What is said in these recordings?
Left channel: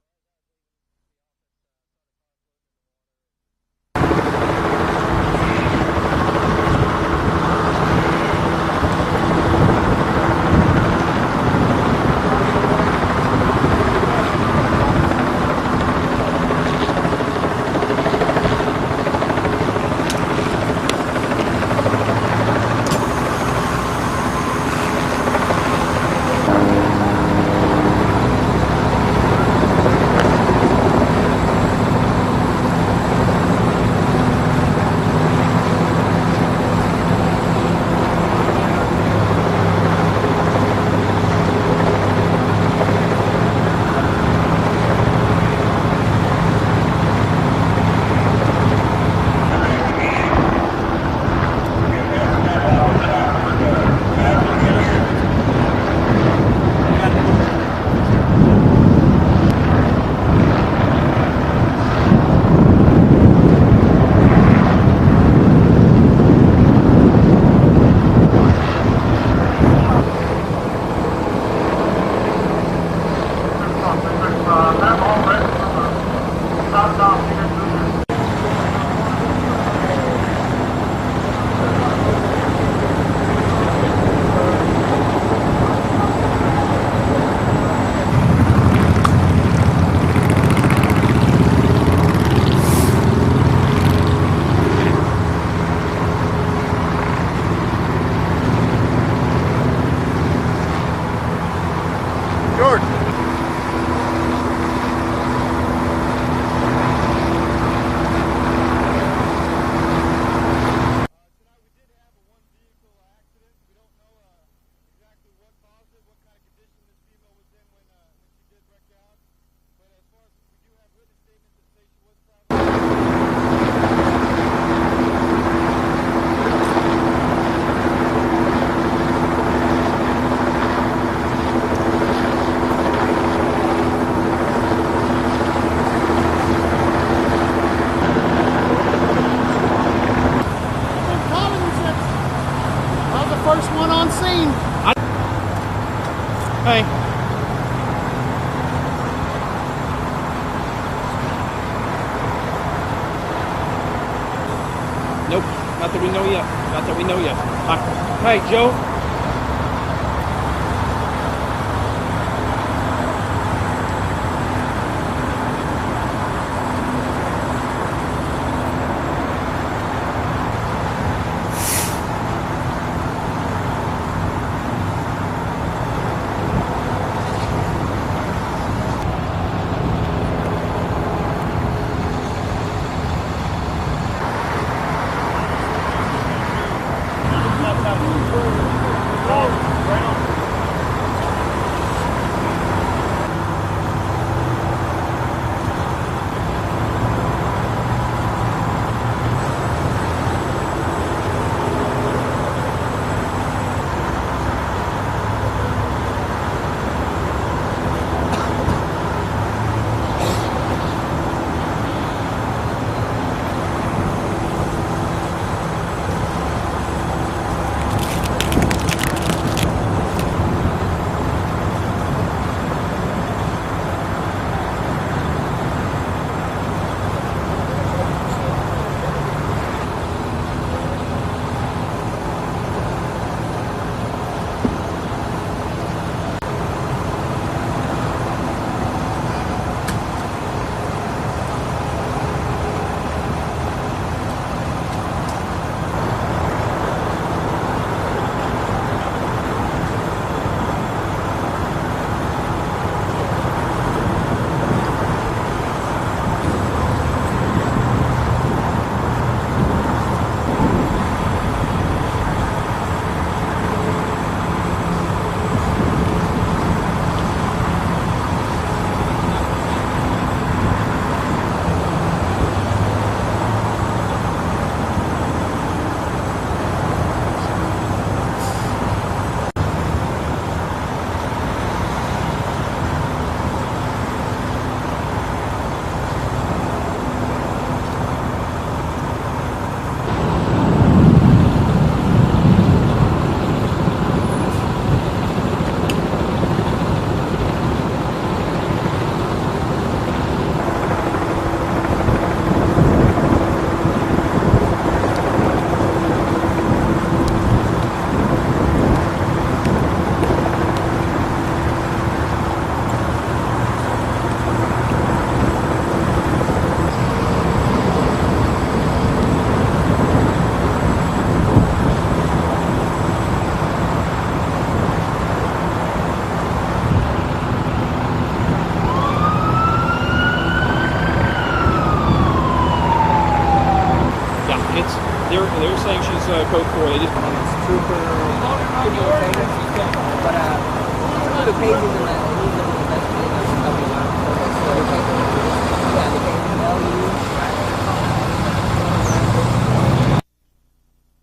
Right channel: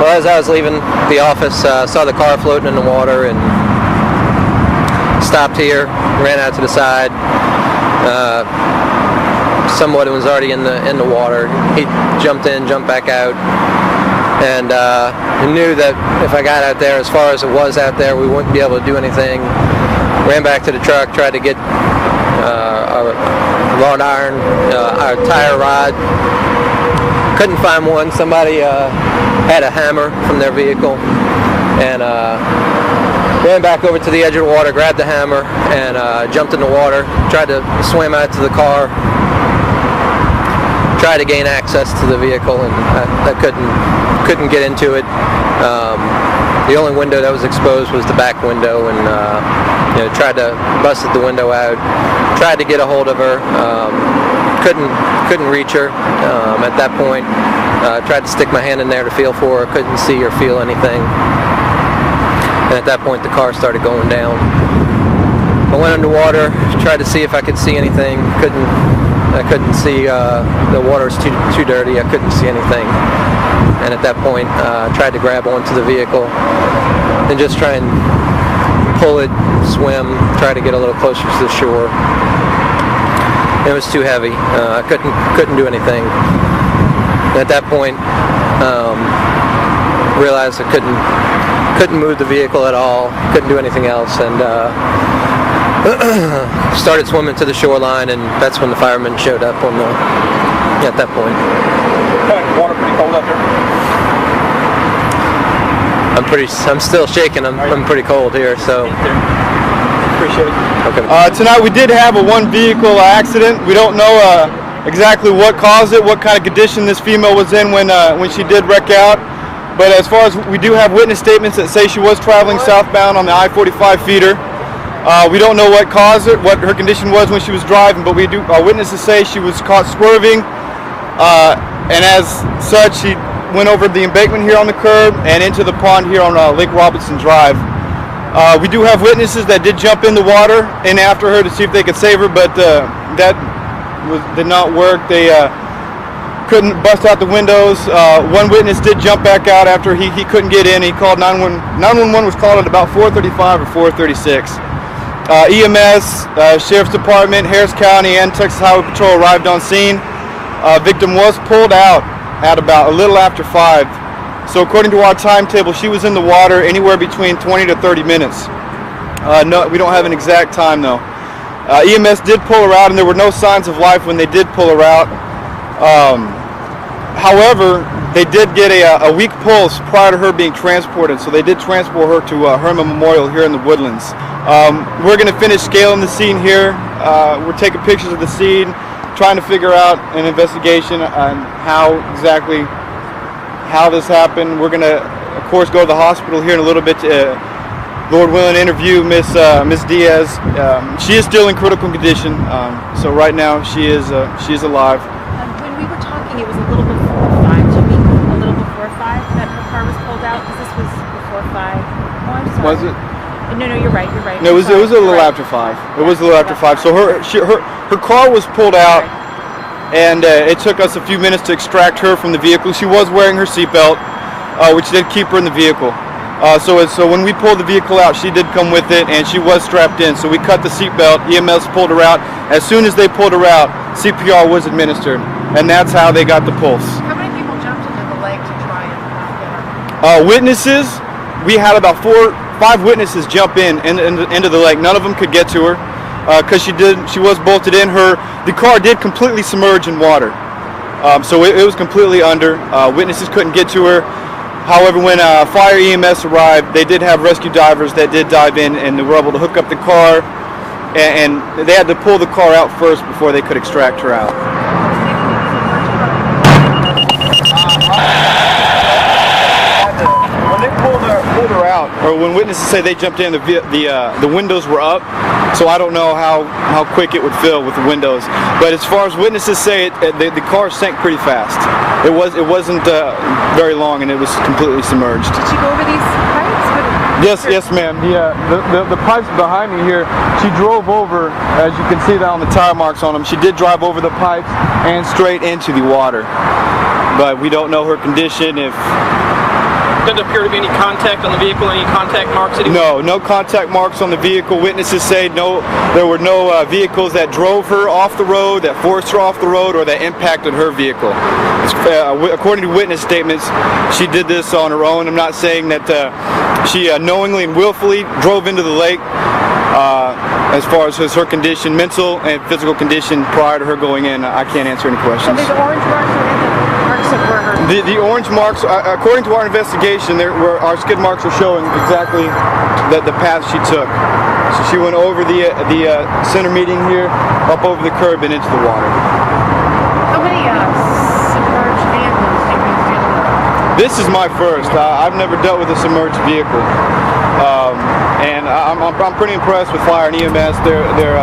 well, as I was leaving the office, saw the car floating in the water and stopped here, ran out to the side. Someone was already in the water. He jumped in, jumped back out, and I knew that if I got out there, as far as it was out there, we wouldn't be able to do anything. Ran back to the truck, tried to get a wrought iron, our tire rod. Couldn't find one. Somebody had a hammer from their vehicle, and ran back over to the edge of the water, grabbed the hammer, and jumped in the water. Tried to swim out to the car. Tried to gain access to the vehicle, and I couldn't get into it. The only window that was exposed was the back window, and tried to busted the window out. Tried to get a hold of her. Couldn't reach her at that point. Tried to stick my hand in there to feel for her. Couldn't see or feel anything. And at that point, the car started going down. I went underwater, tried to see if I could see anything. I couldn't see. The water's too dirty. I couldn't see anything. And at that point, I tried to grab onto the vehicle and just try and pull it, swim, try to get a little closer to the shore. It was too heavy. I couldn't do anything. At that point, realized I couldn't move the vehicle at all. Couldn't do anything else, and started swimming to the shoreline. And that's when the firemen showed up at that point. Pretty cold up here. I'm still shaking. I'm pretty cold here, so. Appreciate it. Okay. Tonight we did have a one vehicle accident. We don't know exactly what caused it, what kind of condition this female was in when she did wreck out. But as far as we do have witness statements that say she was traveling southbound on the I-45 feeder. We don't know what caused it, what her condition was when she was driving, but our witnesses say she was caught swerving, and as such, she went over the embankment here on the curb and into the pond here on Lake Robbins Drive. We do have witnesses that did jump in the water and after her to see if they could save her, but that did not work. They couldn't bust out the windows. One witness did jump back out after he couldn't get in. He called 911. 911 was called at about 4:35 or 4:36. EMS, Sheriff's Department, Harris County, and Texas Highway Patrol arrived on scene. Victim was pulled out at about a little after 5. So according to our timetable, she was in the water anywhere between 20 to 30 minutes. No, we don't have an exact time though. EMS did pull her out, and there were no signs of life when they did pull her out. However, they did get a weak pulse prior to her being transported, so they did transport her to Herman Memorial here in the Woodlands. We're going to finish scaling the scene here. We're taking pictures of the scene, trying to figure out an investigation on how this happened. We're going to, of course, go to the hospital here in a little bit to, Lord willing, interview Miss Diaz. She is still in critical condition, so right now she is alive. When we were talking, it was a little bit before 5. Do you mean a little before 5 that her car was pulled out? This was before 5. Was it? No, you're right. No, it was a little after 5. It was a little after 5. So her car was pulled out, and it took us a few minutes to extract her from the vehicle. She was wearing her seatbelt, which did keep her in the vehicle. So when we pulled the vehicle out, she did come with it, and she was strapped in. So we cut the seatbelt. EMS pulled her out. As soon as they pulled her out, CPR was administered, and that's how they got the pulse. How many people jumped into the lake to try and help her? Witnesses, we had about 5 witnesses jump into the lake. None of them could get to her because she was bolted in. The car did completely submerge in water, so it was completely under. Witnesses couldn't get to her. However, when fire EMS arrived, they did have rescue divers that did dive in and were able to hook up the car, and they had to pull the car out first before they could extract her out. Pulled her out, or when witnesses say they jumped in, the windows were up, so I don't know how quick it would fill with the windows. But as far as witnesses say, the car sank pretty fast. It wasn't very long, and it was completely submerged. Did she go over these pipes? Yes, ma'am. The pipes behind me here, she drove over, as you can see that on the tire marks on them. She did drive over the pipes and straight into the water. But we don't know her condition, if Doesn't appear to be any contact on the vehicle, any contact marks anywhere? No contact marks on the vehicle. Witnesses say there were no vehicles that drove her off the road, that forced her off the road, or that impacted her vehicle. According to witness statements, she did this on her own. I'm not saying that she knowingly and willfully drove into the lake. As far as her condition, mental and physical condition prior to her going in, I can't answer any questions. So the orange marks of where her... The orange marks, according to our investigation, our skid marks are showing exactly the path she took. She went over the center median here, up over the curb and into the water. How many submerged vehicles have you been? This is my first. I've never dealt with a submerged vehicle. And I'm pretty impressed with fire and EMS. Their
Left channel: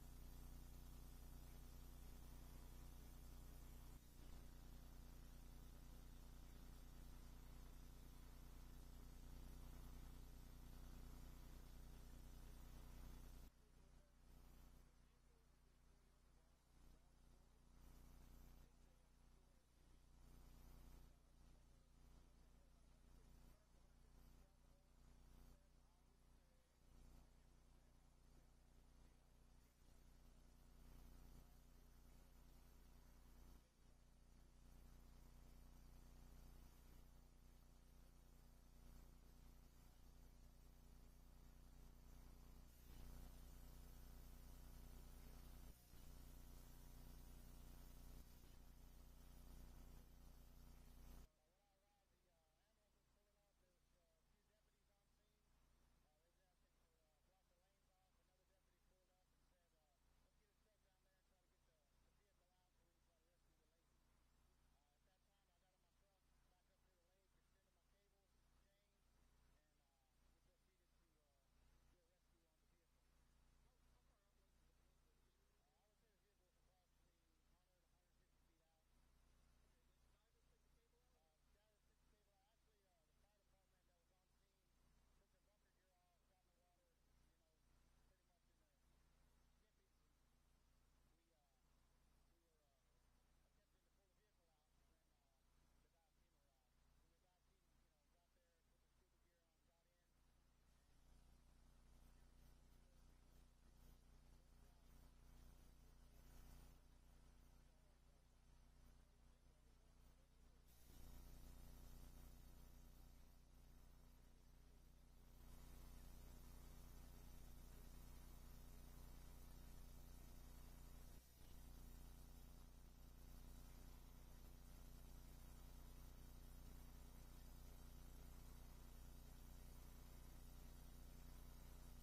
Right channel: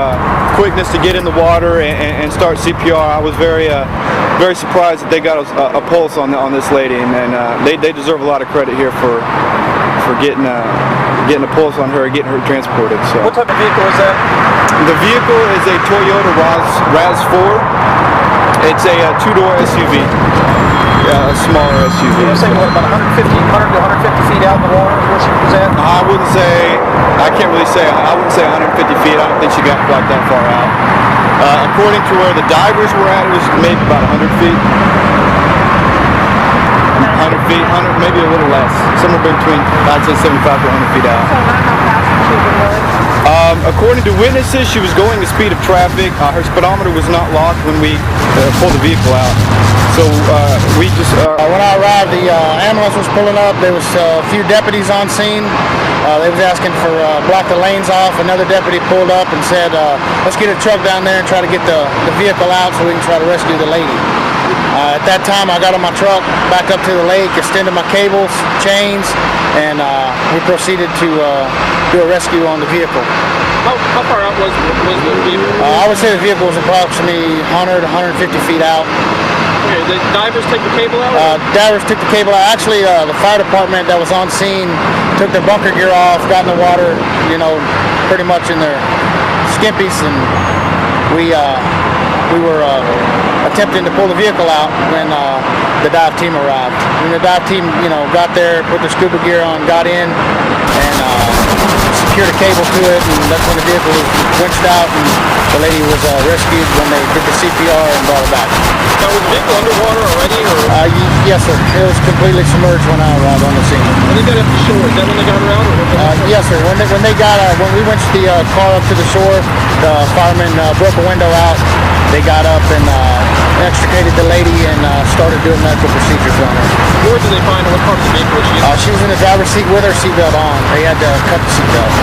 quickness to get in the water and start CPR. I was very surprised that they got a pulse on this lady, and they deserve a lot of credit here for getting a pulse on her and getting her transported. So. What type of vehicle is that? The vehicle is a Toyota Rav. It's a two-door SUV. A smaller SUV. You're saying what, about 100 to 150 feet out in the water is where she was at? I can't really say. I wouldn't say 150 feet. I don't think she got quite that far out. According to where the divers were at, it was maybe about 100 feet. 100 feet, maybe a little less. Somewhere between, I'd say 75 to 100 feet out. So not how fast she was going? According to witnesses, she was going the speed of traffic. Her speedometer was not locked when we pulled the vehicle out. So we just... When I arrived, the ambulance was pulling up. There was a few deputies on scene. They was asking for block the lanes off. Another deputy pulled up and said, let's get a truck down there and try to get the vehicle out so we can try to rescue the lady. At that time, I got on my truck, back up to the lake, extended my cables, chains, and we proceeded to do a rescue on the vehicle. How far out was the vehicle? I would say the vehicle was approximately 100 to 150 feet out. Okay, the divers take the cable out? Divers took the cable out. Actually, the fire department that was on scene took their bunker gear off, got in the water, pretty much in their skimpies, and we were attempting to pull the vehicle out when the dive team arrived. When the dive team, got there, put their scuba gear on, got in, and secured a cable to it, and that's when the vehicle was winched out, and the lady was rescued when they did the CPR and brought her back. Now, was the vehicle underwater already, or? Yes, sir. It was completely submerged when I arrived on the scene. When they got up to shore, is that when they got her out, or? Yes, sir. When we winched the car up to the shore, the firemen broke a window out. They got up and extricated the lady and started doing medical procedures on her. Where did they find her? What part of the vehicle was she in? She was in the driver's seat with her seatbelt on. They had to cut the seatbelt.